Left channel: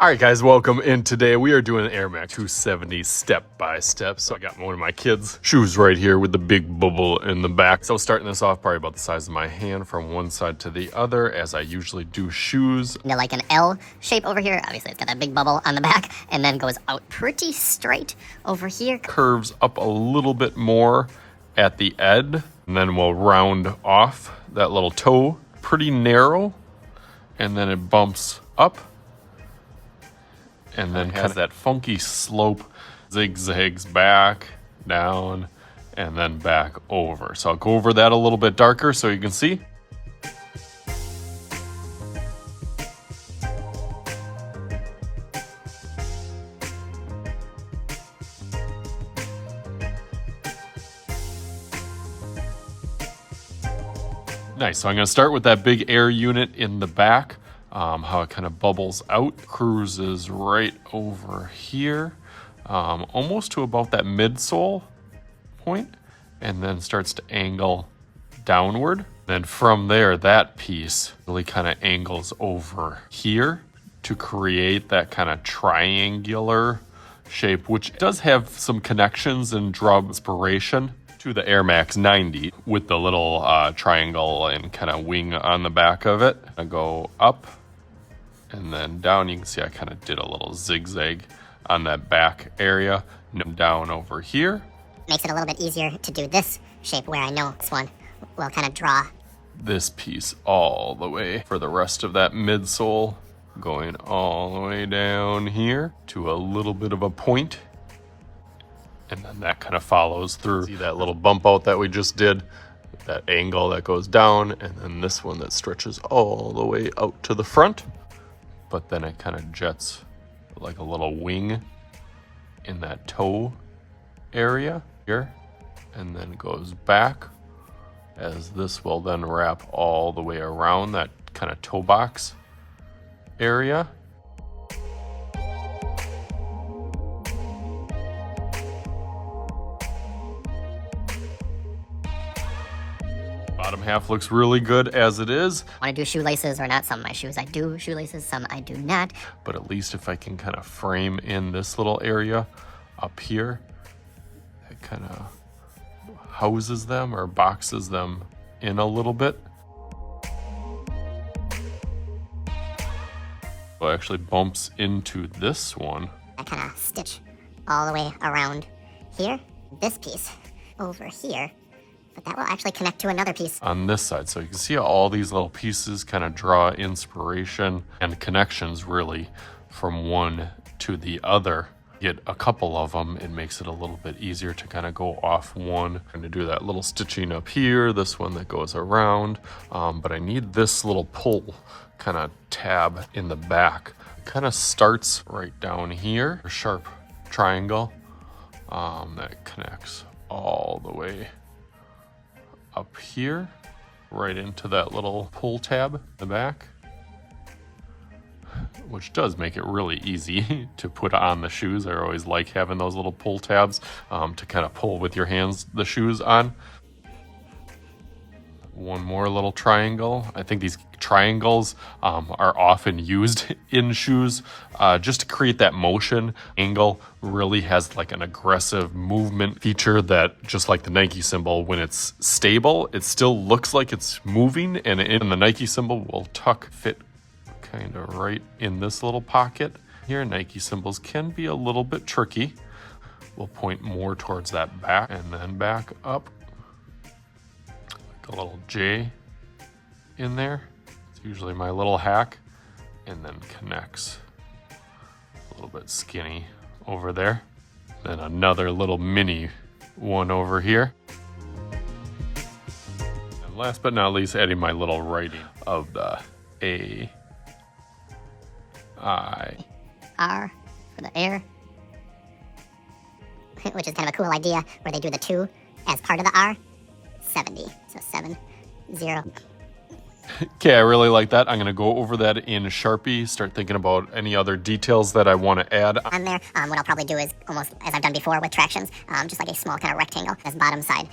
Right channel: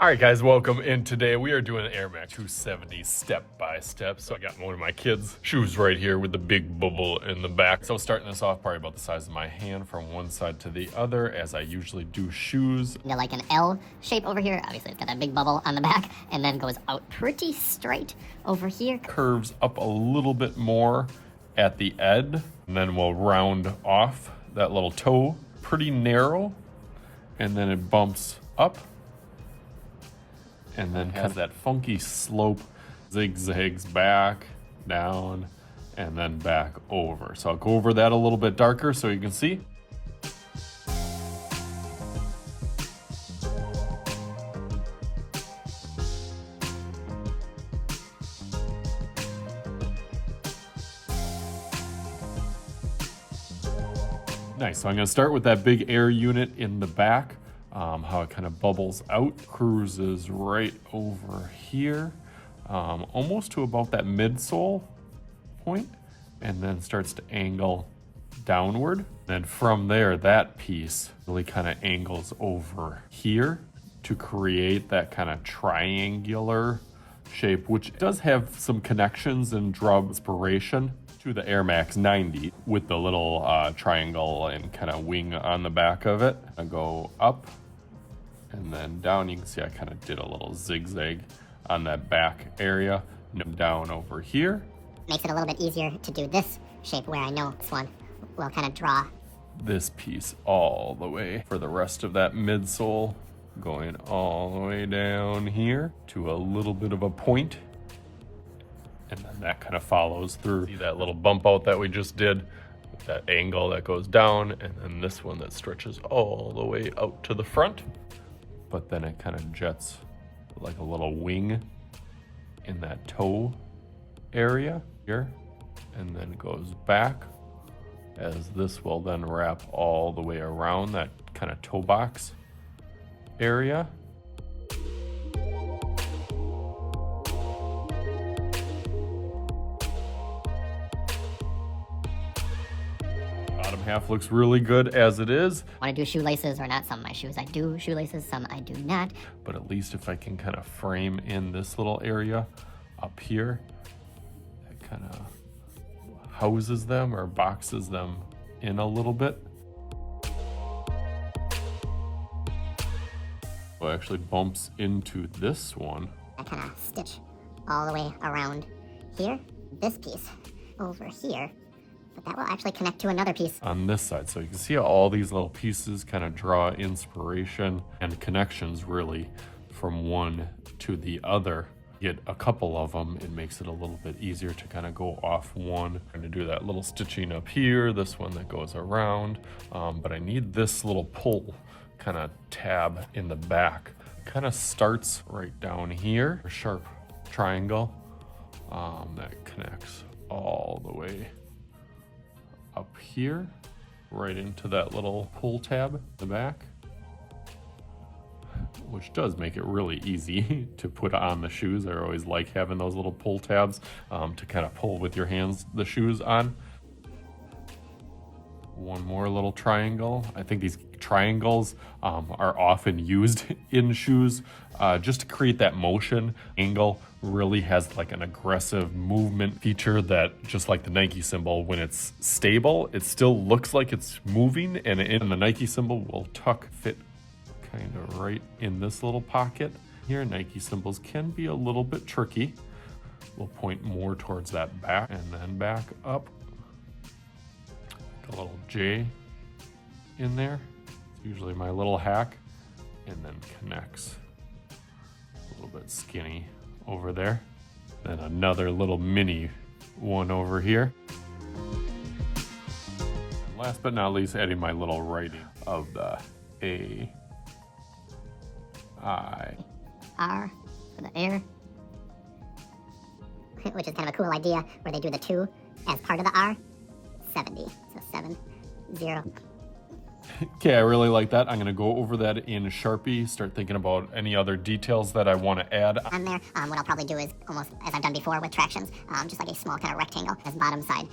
All right, guys, welcome in. Today we are doing an Air Max 270 step by step. So I got one of my kids' shoes right here with the big bubble in the back. So starting this off probably about the size of my hand from one side to the other, as I usually do shoes. They're like an L shape over here. Obviously it's got that big bubble on the back and then goes out pretty straight over here. Curves up a little bit more at the end, and then we'll round off that little toe, pretty narrow, and then it bumps up. And then has that funky slope, zigzags back, down, and then back over. So I'll go over that a little bit darker so you can see. Nice, so I'm gonna start with that big air unit in the back. How it kind of bubbles out, cruises right over here, almost to about that midsole point, and then starts to angle downward. Then from there, that piece really kind of angles over here to create that kind of triangular shape, which does have some connections and draw inspiration to the Air Max 90 with the little triangle and kind of wing on the back of it. I go up and then down. You can see I kind of did a little zigzag on that back area. Down over here. Makes it a little bit easier to do this shape where I know this one will kind of draw this piece all the way for the rest of that midsole, going all the way down here to a little bit of a point. And then that kind of follows through. See that little bump out that we just did? That angle that goes down, and then this one that stretches all the way out to the front. But then it kind of jets like a little wing in that toe area here, and then goes back, as this will then wrap all the way around that kind of toe box area. Bottom half looks really good as it is. Want to do shoelaces or not? Some of my shoes I do shoelaces, some I do not. But at least if I can kind of frame in this little area up here, it kind of houses them or boxes them in a little bit. So it actually bumps into this one. I kind of stitch all the way around here. This piece over here. But that will actually connect to another piece on this side. So you can see how all these little pieces kind of draw inspiration and connections really from one to the other. Get a couple of them, it makes it a little bit easier to kind of go off one. I'm gonna do that little stitching up here, this one that goes around, but I need this little pull kind of tab in the back. It kind of starts right down here, a sharp triangle that connects all the way up here, right into that little pull tab in the back, which does make it really easy to put on the shoes. I always like having those little pull tabs to kind of pull with your hands the shoes on. One more little triangle. I think these triangles are often used in shoes just to create that motion. Angle really has like an aggressive movement feature that, just like the Nike symbol, when it's stable, it still looks like it's moving, and the Nike symbol will fit kind of right in this little pocket here. Nike symbols can be a little bit tricky. We'll point more towards that back and then back up. A little J in there. It's usually my little hack, and then connects a little bit skinny over there. Then another little mini one over here. And last but not least, adding my little writing of the A, I, R for the air, which is kind of a cool idea where they do the 2 as part of the R. 70, so 7, 0. Okay, I really like that. I'm gonna go over that in Sharpie, start thinking about any other details that I want to add on there. What I'll probably do is almost as I've done before with tractions, just like a small kind of rectangle as bottom side.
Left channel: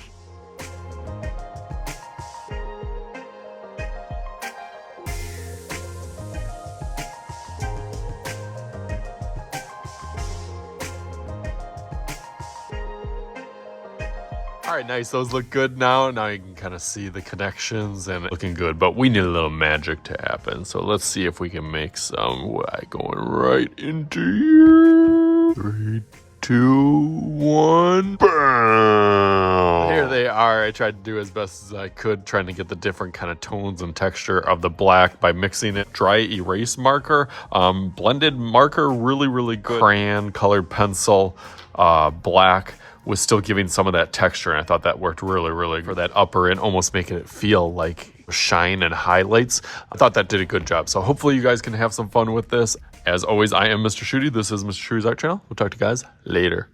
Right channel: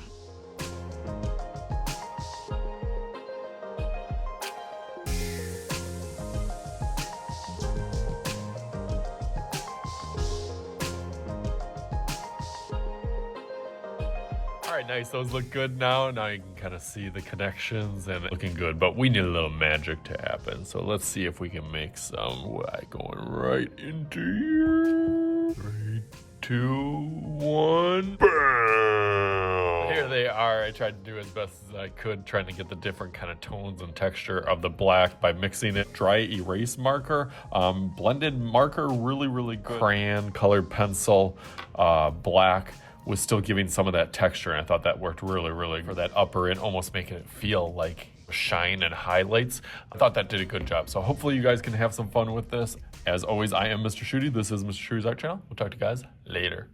All right, nice. Those look good now. Now you can kind of see the connections and looking good, but we need a little magic to happen. So let's see if we can make some white going right into here. 3, 2, 1, bam! Here they are. I tried to do as best as I could, trying to get the different kind of tones and texture of the black by mixing it. Dry erase marker, blended marker, really, really good. Crayon, colored pencil, black, was still giving some of that texture, and I thought that worked really, really for that upper and almost making it feel like shine and highlights. I thought that did a good job. So hopefully you guys can have some fun with this. As always, I am Mr. Shooty. This is Mr. Shooty's Art Channel. We'll talk to you guys later.